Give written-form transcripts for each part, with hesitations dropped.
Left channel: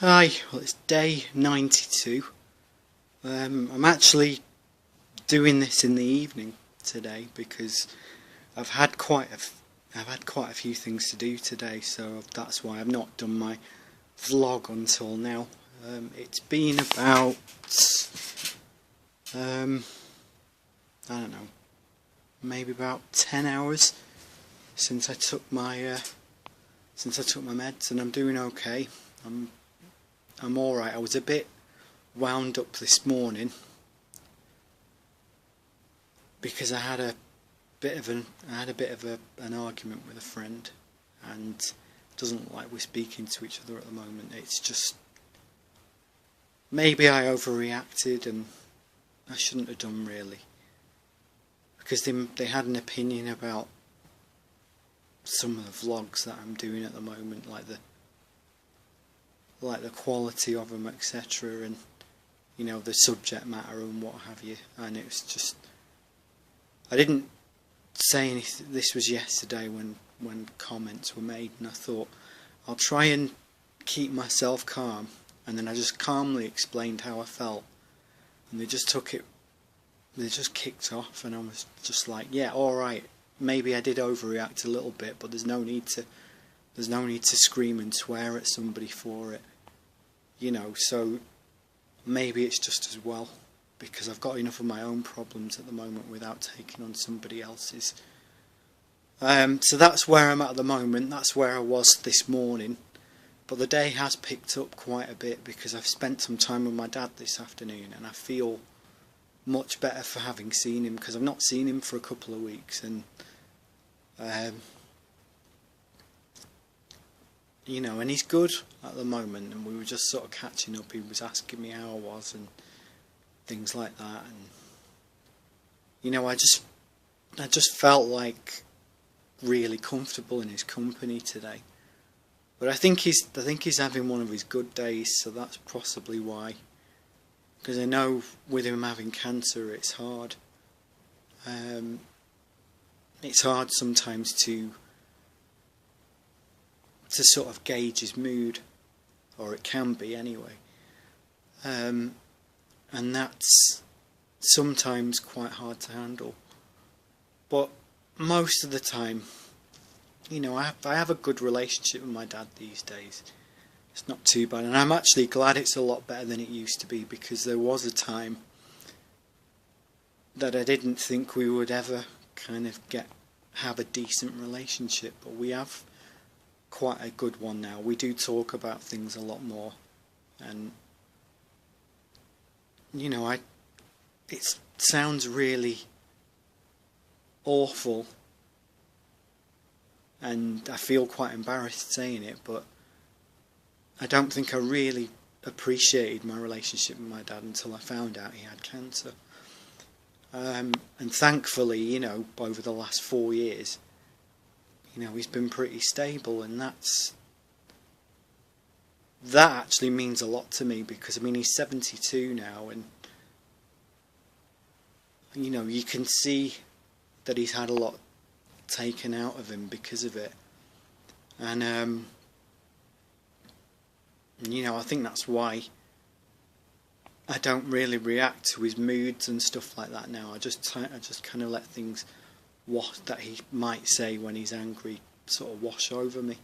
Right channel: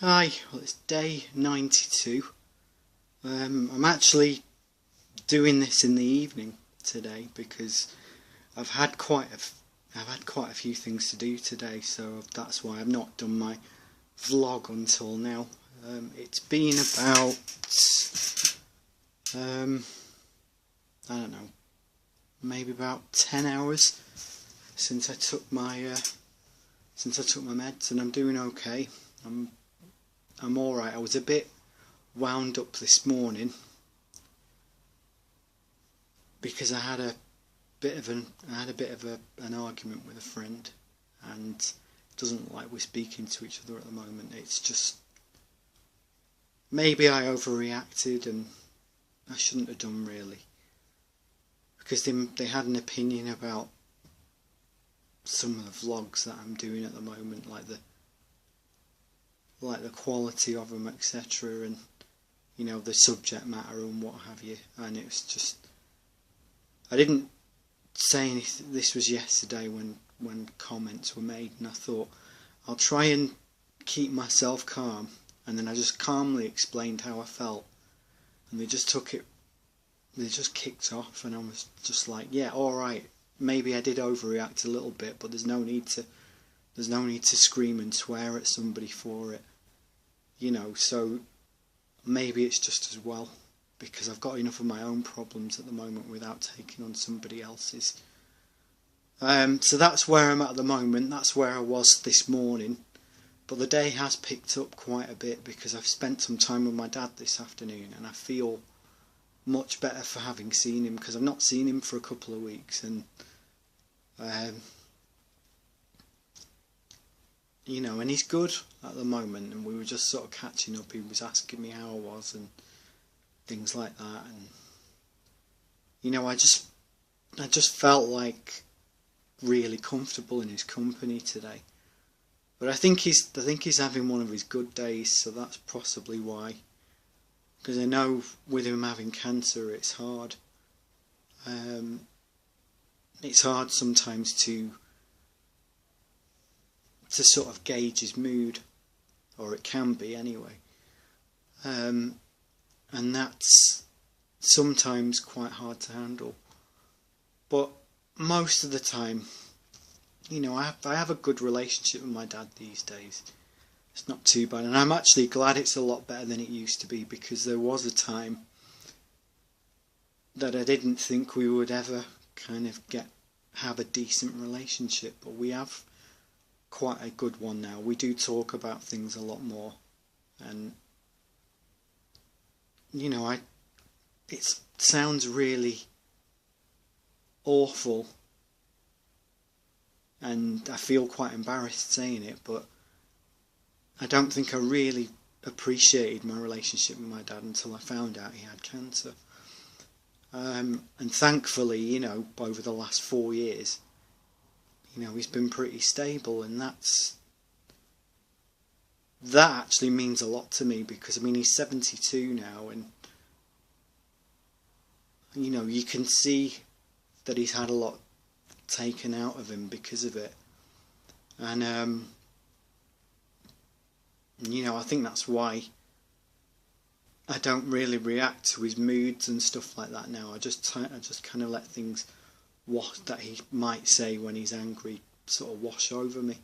Hi, well it's day 92. I'm actually doing this in the evening today because I've had quite I've had quite a few things to do today, so that's why I've not done my vlog until now. It's been about um, I don't know, maybe about 10 hours since I took my meds, and I'm doing okay. I'm all right. I was a bit wound up this morning because I had a bit of an argument with a friend, and it doesn't look like we're speaking to each other at the moment. It's just maybe I overreacted, and I shouldn't have done really, because they had an opinion about some of the vlogs that I'm doing at the moment, like the quality of them, etc., and the subject matter and what have you. And it was just, I didn't say anything. This was yesterday when comments were made, and I thought I'll try and keep myself calm, and then I just calmly explained how I felt, and they just kicked off, and I was just like, yeah, all right, maybe I did overreact a little bit, but there's no need to scream and swear at somebody for it, so maybe it's just as well, because I've got enough of my own problems at the moment without taking on somebody else's. So that's where I'm at the moment. That's where I was this morning. But the day has picked up quite a bit because I've spent some time with my dad this afternoon, and I feel much better for having seen him, because I've not seen him for a couple of weeks, and and he's good at the moment, and we were just sort of catching up. He was asking me how I was and things like that, and I just felt like really comfortable in his company today. But I think he's having one of his good days, so that's possibly why. Because I know with him having cancer, it's hard. It's hard sometimes to sort of gauge his mood, or it can be anyway. And that's sometimes quite hard to handle. But most of the time, I have a good relationship with my dad these days. It's not too bad, and I'm actually glad it's a lot better than it used to be, because there was a time that I didn't think we would ever kind of have a decent relationship, but we have quite a good one now. We do talk about things a lot more, and it sounds really awful, and I feel quite embarrassed saying it, but I don't think I really appreciated my relationship with my dad until I found out he had cancer. And thankfully, over the last 4 years, he's been pretty stable, and that actually means a lot to me, because he's 72 now, and you can see that he's had a lot taken out of him because of it, and I think that's why I don't really react to his moods and stuff like that now. I just kind of let things that he might say when he's angry sort of wash over me,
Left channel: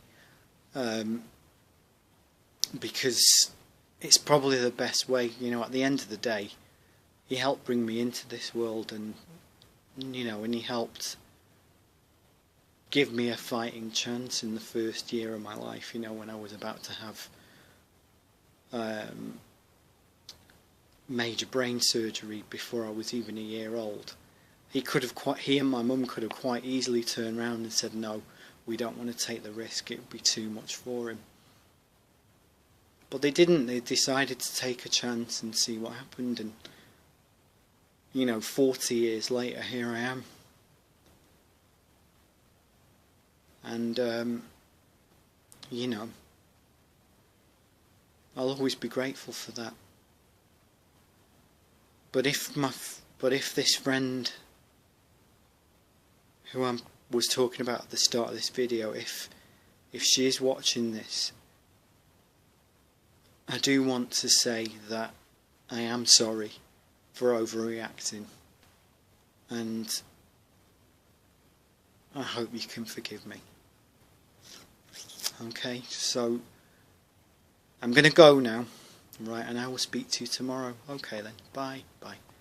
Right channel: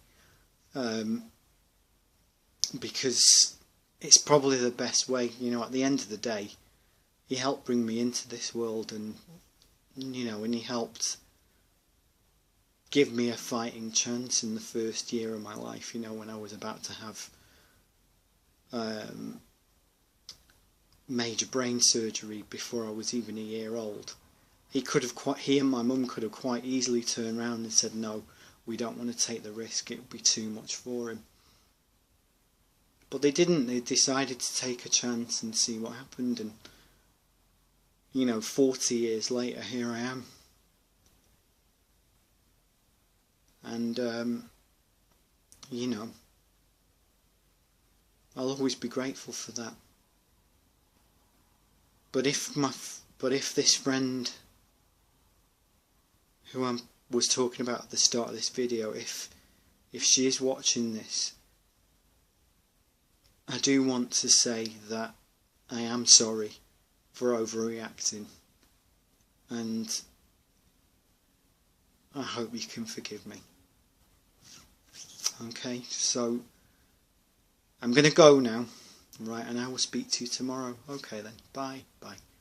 because it's probably the best way. At the end of the day, he helped bring me into this world, and and he helped give me a fighting chance in the first year of my life, when I was about to have major brain surgery before I was even a year old. He and my mum could have quite easily turned around and said, no, we don't want to take the risk, it would be too much for him. But they didn't. They decided to take a chance and see what happened, and 40 years later, here I am. And I'll always be grateful for that. But if this friend who I was talking about at the start of this video, if she is watching this, I do want to say that I am sorry for overreacting, and I hope you can forgive me. Okay, so I'm going to go now, right, and I will speak to you tomorrow. Okay then, bye, bye.